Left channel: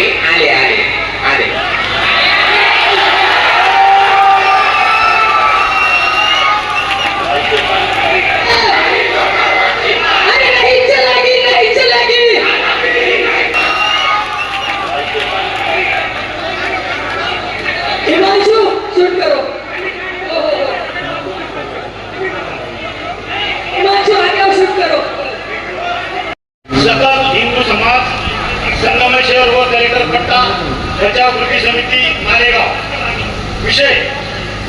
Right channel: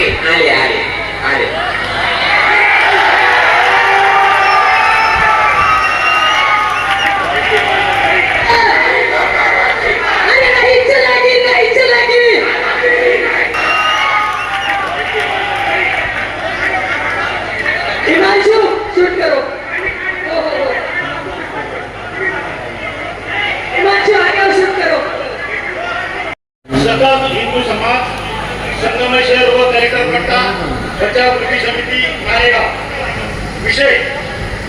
आले आले आले सकल हिंदू समाज संगमेश्वर व दरेकर पट्टा बचाव कृती समिती मालेगाव विषय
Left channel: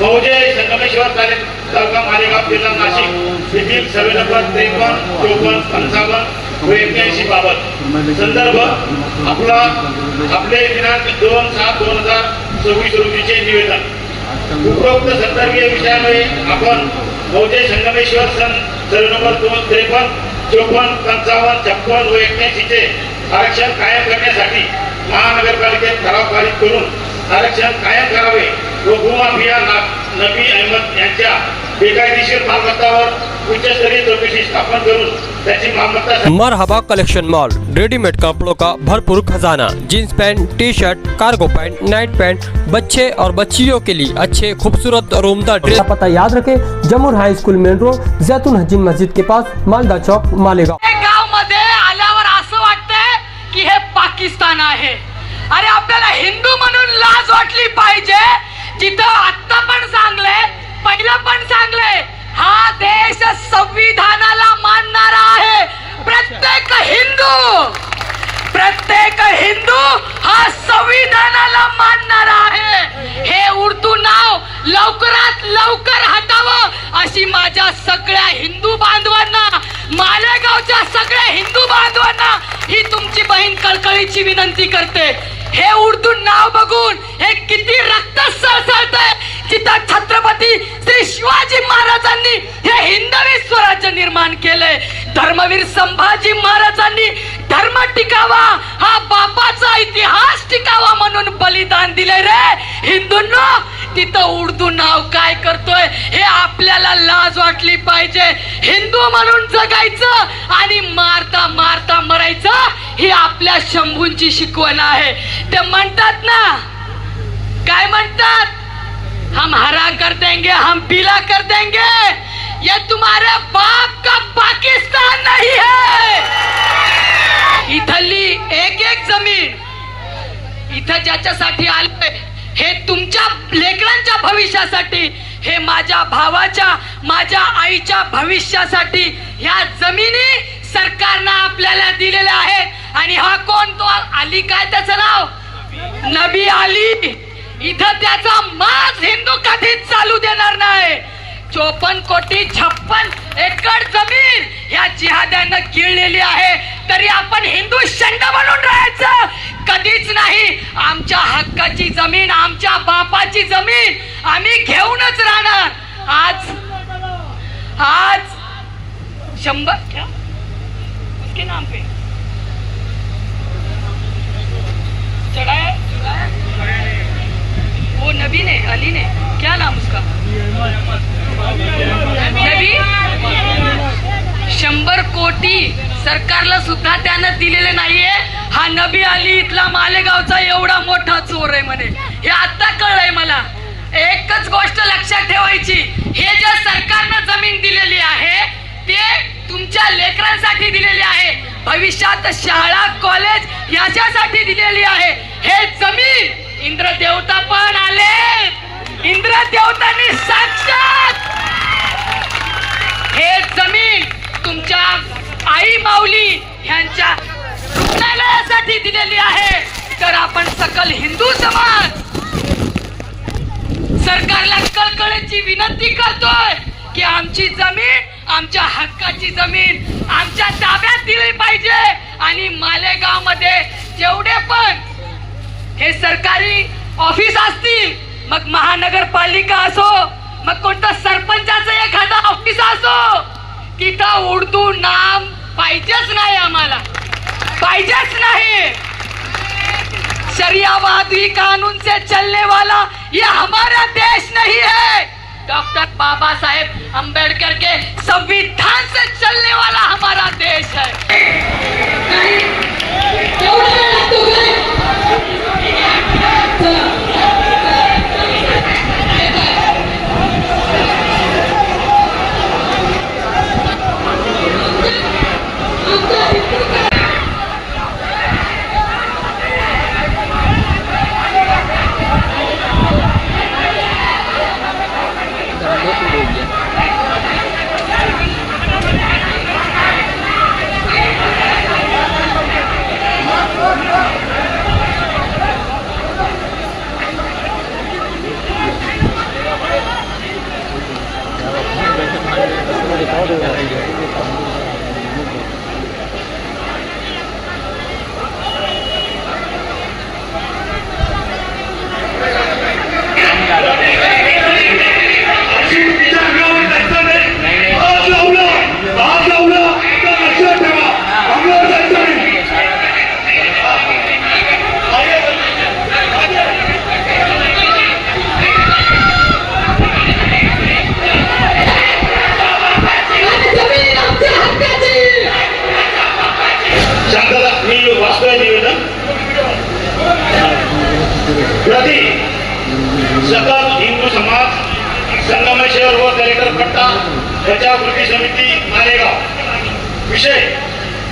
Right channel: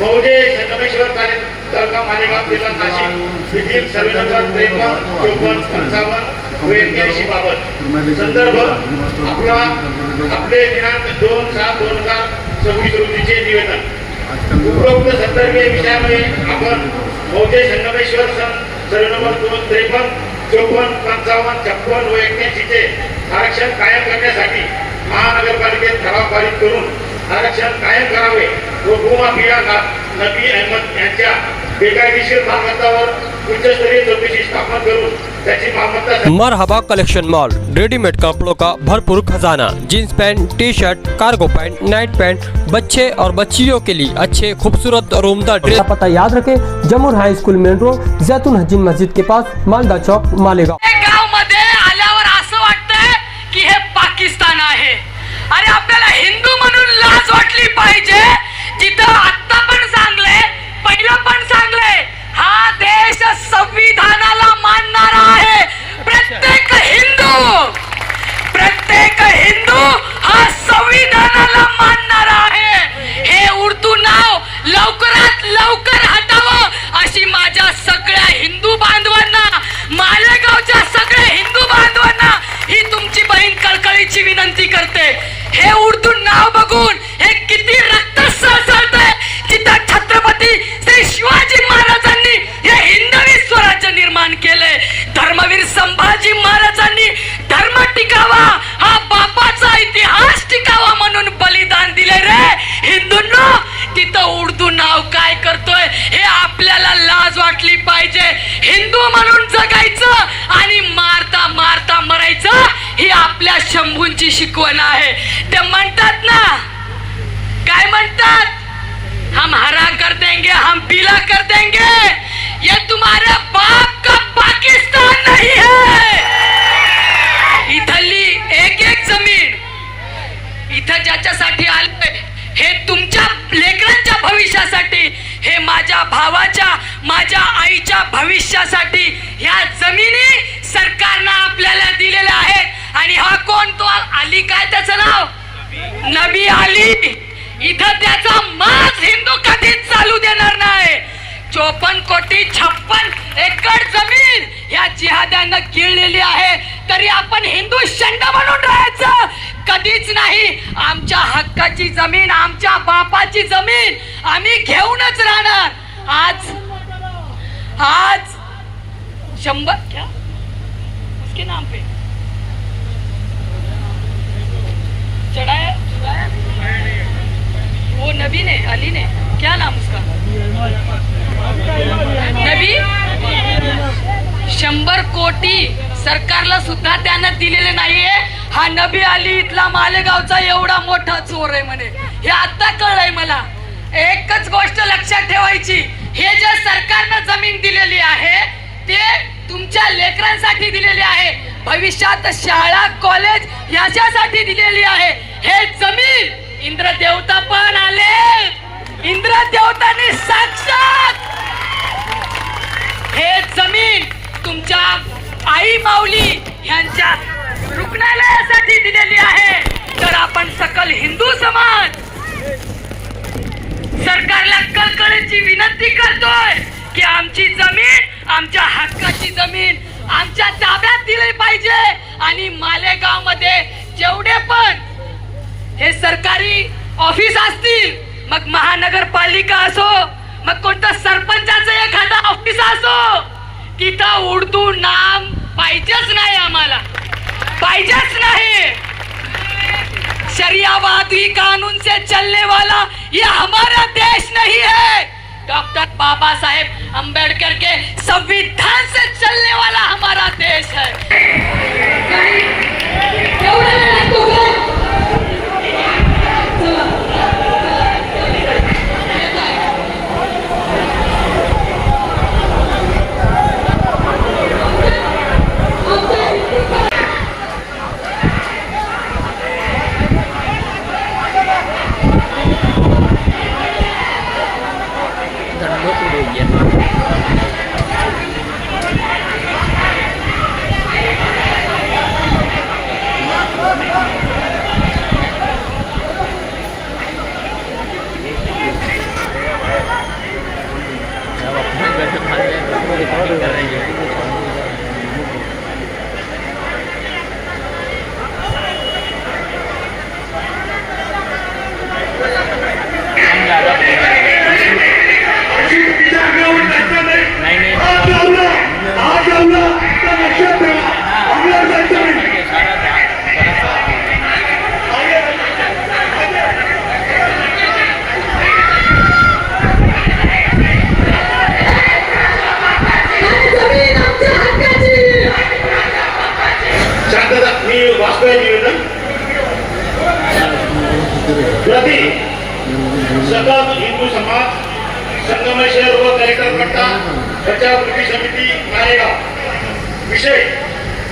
मौजे संगमेश्वर तालुका मालेगाव जिल्हा नाशिक येथील सर्वे नंबर 53, 54, 55 व 81 बाबत संदर्भ आपले दिनांक 2/7/2024 रोजीचे निवेदन. उपरोक्त संदर्भीय विषयामुळे आपण मौजे संगमेश्वर सर्वे नंबर 53, 54, 55, 56 व 81 चे आरक्षण कायम करण्यासाठी महानगरपालिकेत ठराव पारित करून आरक्षण कायम करावे व भूमाफिया नबी अहमद यांच्या बेकायदेशीर मालमत्तावर उच्चस्तरीय चौकशी स्थापन करून त्याची मालमत्ता. मरहबा कलेक्शन मॉल, रेडीमेड कपड़ों का भरपूर खजाना, jeans pant, T shirt, cargo pant, Knight pant, बच्चे और बच्चियों के लिए अच्छे खूबसूरत और उम्दा ड्रेस. पता याद रखें, जमुर हाई स्कूल मेन रोड, जैतून हजीन मस्जिद के पास, मालदा चौक, मालेगाव. गाव मध्ये आल्यावर असं वाटतं की हे पाकिस्तान आहे. अरे आपल्याला हिंदू म्हणून लाज वाटली पाहिजे. जिथं आता पण सांगले, पहिलं पण सांगले, हा देश संविधानाला मानणारा आहे. प्रत्येक हिंदू हा संविधानाला मानणारा आहे. हे उर्दू नाव लवकरात लवकर हटावं अशी माझ्या सगळ्या हिंदू बांधवांना, मालेगावच्या सगळ्या हिंदू बांधवांना ही तुमची बहीण कळकळीची विनंती करते. हे उर्दू नाव बघून हे किती रक्त सळसळतंय. जिथं छत्रपती श्री शिवाजी महाराजांनी हे हिंदवी स्वराज्य निर्माण केले, धर्मवीर संभाजी महाराजांनी धर्म टिकावा, हा बापाचा इतिहास टिकावा म्हणून बलिदान दिले रे हिंदूंना. तिथं उर्दू नाव काय करतोय हे आपल्याला लाज वाटली पाहिजे. हिंदू म्हणून जगायचं आणि मारता मारता मरायचं ही आपल्या शंभूंची शिकवण आहे. ते म्हणतात ना, काय म्हणतात, हम हरा कर देंगे, हम पीला कर देंगे. ये तुम्हारे बाप का पाकिस्तान नहीं है. इथली एक एक जमीन इथं ज्याच्यासाठी आलंय हे तुमच्या लेकरांच्या भविष्यासाठी, हे माझ्या भावाच्या, माझ्या आईच्या भविष्यासाठी ह्या जमिनी सरकारनं आपल्याला दिलेल्या आहेत. आणि हा कोण, तो अली, काय त्याचं नाव, नबी अली. इथं त्याचा माज हिंदू कधीच चालू देणार नाही. 54 कोटी 56 एकर जमीन या जिहाद्यानं गिळलेली आहे, तरी आपण हिंदू शंड म्हणून राहायचं कधीच नाही. आमच्या हक्काची जमीन, आमच्या बापाची जमीन आम्ही घेऊनच राहणार. आज 100 क्या उसके नाम पे चढ़ाया वो नबी ने, अली ने, क्या नाम उसका, नबी. 100 कोटी सरकारला सुद्धा त्यानं दिलेले नाहीये. हा नबी अली इथला मालेगावचा एवढा मोठा चोर आहे म्हणे. हे आता कळलंय मला. एकच गोष्ट लक्षात ठेवायची, हे जे सरकारनं जमीन दिलेली आहे ते तुमच्या लेकरांसाठी दिलेली आहे, भविष्यात शाळा कॉलेज याच्यासाठी दिलेली आहे. हे जमीन इंद्रदेवता पण आले, इंद्रदेवतांनी साक्षात हे जमीन तुमच्या आई माऊली यांच्या रुग्णालयासाठी दिलेली आहे. तर आपण सकल हिंदू समाज सरकारला कळकळीची विनंती करतोय की आमची जमीन, आमच्या हक्काची जमीन आमच्या ताब्यात दिली पाहिजे. आणि मालेगाव मध्ये जेवढे पण हे सरकारी ऑफिस असतील, मग महानगरपालिका असो, मग कोणतं सरपंचाचं एखादा ऑफिस असो, तिथं उर्दू नाम पाहिजेच नाही, आम्हाला पाहिजेच नाही. शरियावादी कानून से चलने वाला ये हमारा देश नहीं है. डॉक्टर बाबा साहेब अंबेडकर के संविधान से चलने वाला हमारा देश है. सतत हिंदू समाज संगमेश्वर व दलित पट्टा बचाव कृती समिती मालेगाव विषय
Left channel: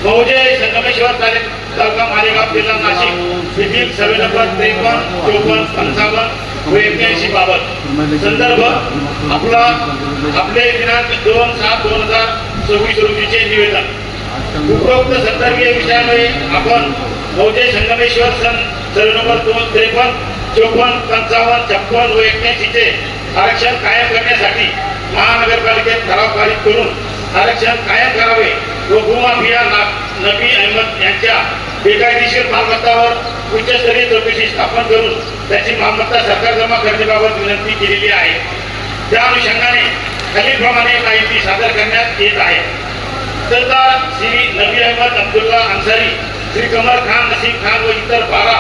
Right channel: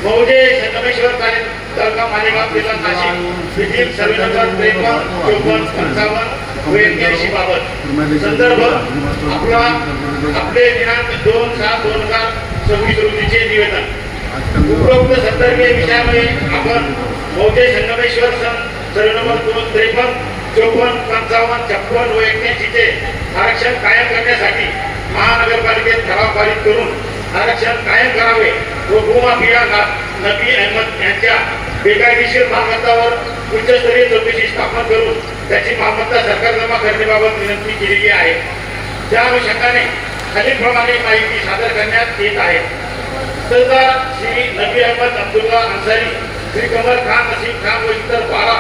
मौजे संगमेश्वर तालुका मालेगाव जिल्हा नाशिक येथील सर्वे नंबर 53, 54, 55 व 81 बाबत संदर्भ आपले दिनांक 2/7/2024 रोजीचे निवेदन. उपरोक्त संदर्भीय विषयामुळे आपण मौजे संगमेश्वर सर्वे नंबर 53, 54, 55, 56 व 81 चे आरक्षण कायम करण्यासाठी महानगरपालिकेत ठराव पारित करून आरक्षण कायम करावे व भूमाफिया नबी अहमद यांच्या बेकायदेशीर मालमत्तावर उच्चस्तरीय चौकशी स्थापन करून त्याची मालमत्ता सरकार जमा करण्याबाबत विनंती केलेली आहे. त्या अनुषंगाने खालीलप्रमाणे माहिती सादर करण्यात येत आहे. सरदार श्री नबी अहमद अब्दुल्ला अन्सारी, श्री कमर खान, नसीम खान व इतर 12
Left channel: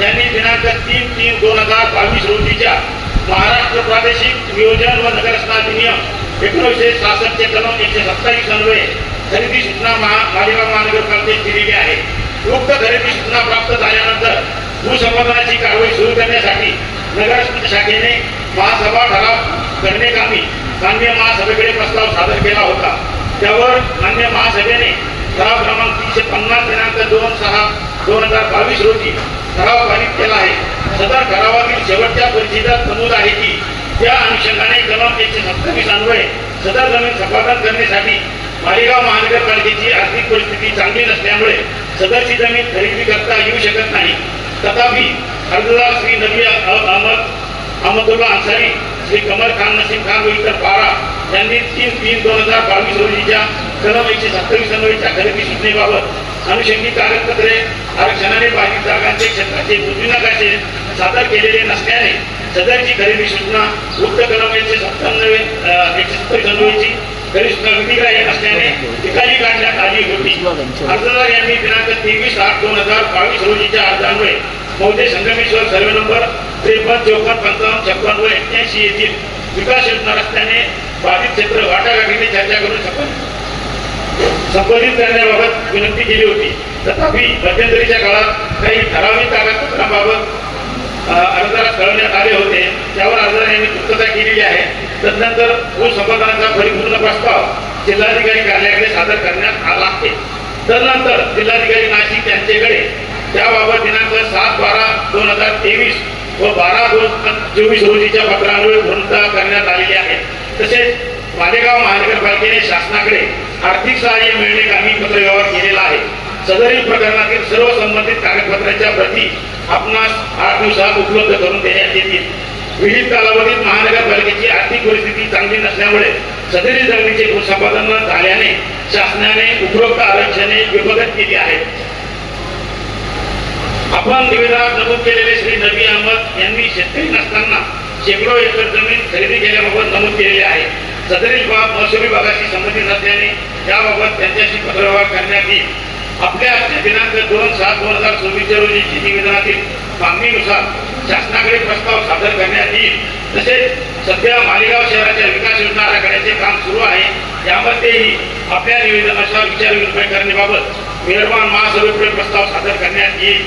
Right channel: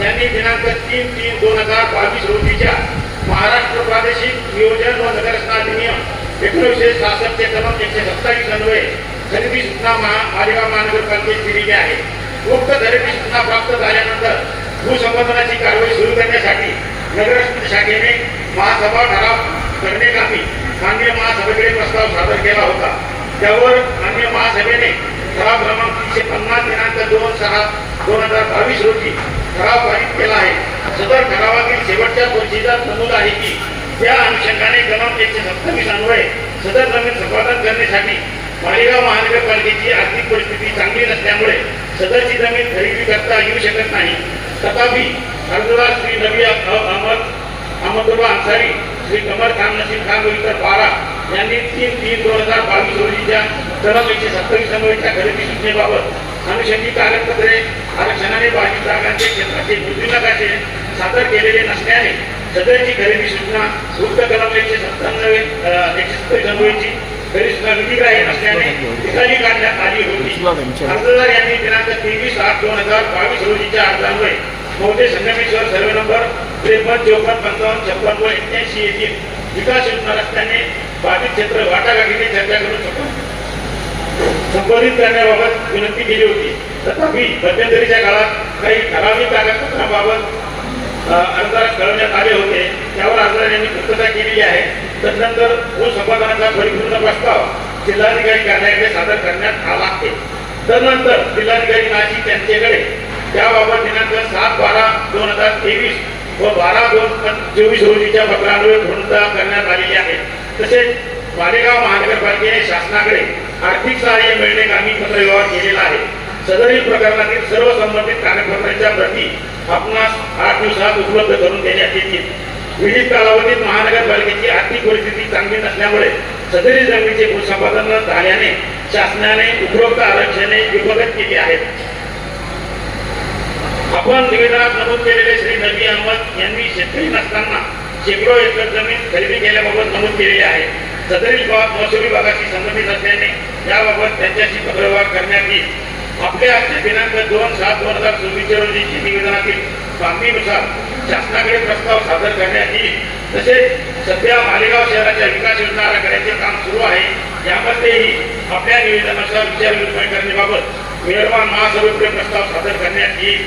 यांनी दिनांक 3/3/2022 रोजीच्या महाराष्ट्र प्रादेशिक नियोजन व नगररचना अधिनियम 1966 चे कलम 127 अन्वये खरेदी सूचना मालेगाव महानगरपालिकेत दिलेली आहे. उक्त खरेदी सूचना प्राप्त झाल्यानंतर भूसंपादनाची कारवाई सुरू करण्यासाठी नगर शाखेने महासभा ठराव करण्याकामी माननीय महासभेकडे प्रस्ताव सादर केला होता. त्यावर माननीय महासभेने ठराव क्रमांक 350 दिनांक 2/6/2022 रोजी ठराव पारित केला आहे. सदर ठरावातील शेवटच्या परिच्छेदात नमूद आहे की त्या अनुषंगाने कलम 127 अन्वये सदर जमीन संपादन करण्यासाठी मालेगाव महानगरपालिकेची आर्थिक परिस्थिती चांगली नसल्यामुळे सदरची जमीन खरेदी करता येऊ शकत नाही. तथापि अर्जदार श्री नबी अहमदुल्ला अन्सारी, श्री कमर खान, नसीम खान व इतर 12 यांनी 3/3/2022 रोजीच्या कलम 127 अन्वयेच्या खरेदी सूचनेबाबत अनुषंगिक कागदपत्रे आरक्षणाने बाधित जागांचे क्षेत्राचे मोजणी नकाशे सादर केलेले नसल्याने सदरची खरेदी सूचना उक्त कलम 127 अन्वयेची खरेदी सूचना विधिग्राह्य असल्याने निकाली काढण्यात आली होती. अर्जदार यांनी दिनांक 23/8/2022 रोजीच्या अर्जान्वये मौजे संगमेश्वर सर्वे नंबर 53, 54, 55, 56 व 81 येथील विकास योजना रस्त्याने बाधित क्षेत्र वाटाघाटीने चर्चा करून संपादित करण्याबाबत विनंती केली होती. तथापि मध्यंतरीच्या काळात काही ठराविक कागदपत्रांबाबत अर्जदारास कळवण्यात आले होते. त्यावर अर्जदारांनी पूर्तता केलेली आहे. तदनंतर भूसंपादनाचा परिपूर्ण प्रस्ताव जिल्हाधिकारी कार्यालयाकडे सादर करण्यात आला आहे. तदनंतर जिल्हाधिकारी नाशिक यांच्याकडे त्याबाबत दिनांक 7/12/2023 व 12/2/24 रोजीच्या पत्रान्वये पूर्तता करण्यात आलेली आहे. तसेच मालेगाव महानगरपालिकेने शासनाकडे आर्थिक सहाय्य मिळण्याकामी पत्रव्यवहार केलेला आहे. सदरील प्रकरणातील सर्व संबंधित कागदपत्रांच्या प्रती आपणास 8 दिवसात उपलब्ध करून देण्यात येतील. विहित कालावधीत महानगरपालिकेची आर्थिक परिस्थिती चांगली नसल्यामुळे सदरील जमिनीचे भूसंपादन झाल्याने शासनाने उपरोक्त आरक्षणे विभक्त केली आहेत. आपण निवेदनात नमूद केलेले श्री नबी अहमद यांनी शेतकरी नसताना शेकडो एकर जमीन खरेदी केल्याबाबत नमूद केलेले आहे. सदरील बाब महसूल विभागाशी संबंधित असल्याने याबाबत त्यांच्याशी पत्रव्यवहार करण्यात येईल. आपल्या दिनांक 2/7/2024 रोजी निवेदनातील मागणीनुसार शासनाकडे प्रस्ताव सादर करण्यात येईल. तसेच सध्या मालेगाव शहराच्या विकास योजना आराखड्याचे काम सुरू आहे. यामध्येही आपल्या निवेदनानुसार विचारविनिमय करण्याबाबत विदर्भान महासभेपुढे प्रस्ताव सादर करण्यात येईल.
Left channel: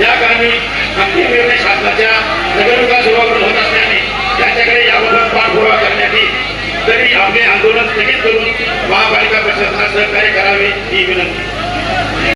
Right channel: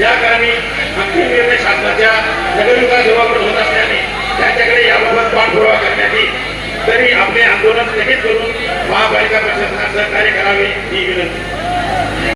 या कामी अंतिम निर्णय शासनाच्या नगरविकास विभागाकडे होत असल्याने त्यांच्याकडे याबाबत पाठपुरावा करण्यात येईल. तरी आपले आंदोलन स्थगित करून महापालिका प्रशासनास सहकार्य करावे ही विनंती.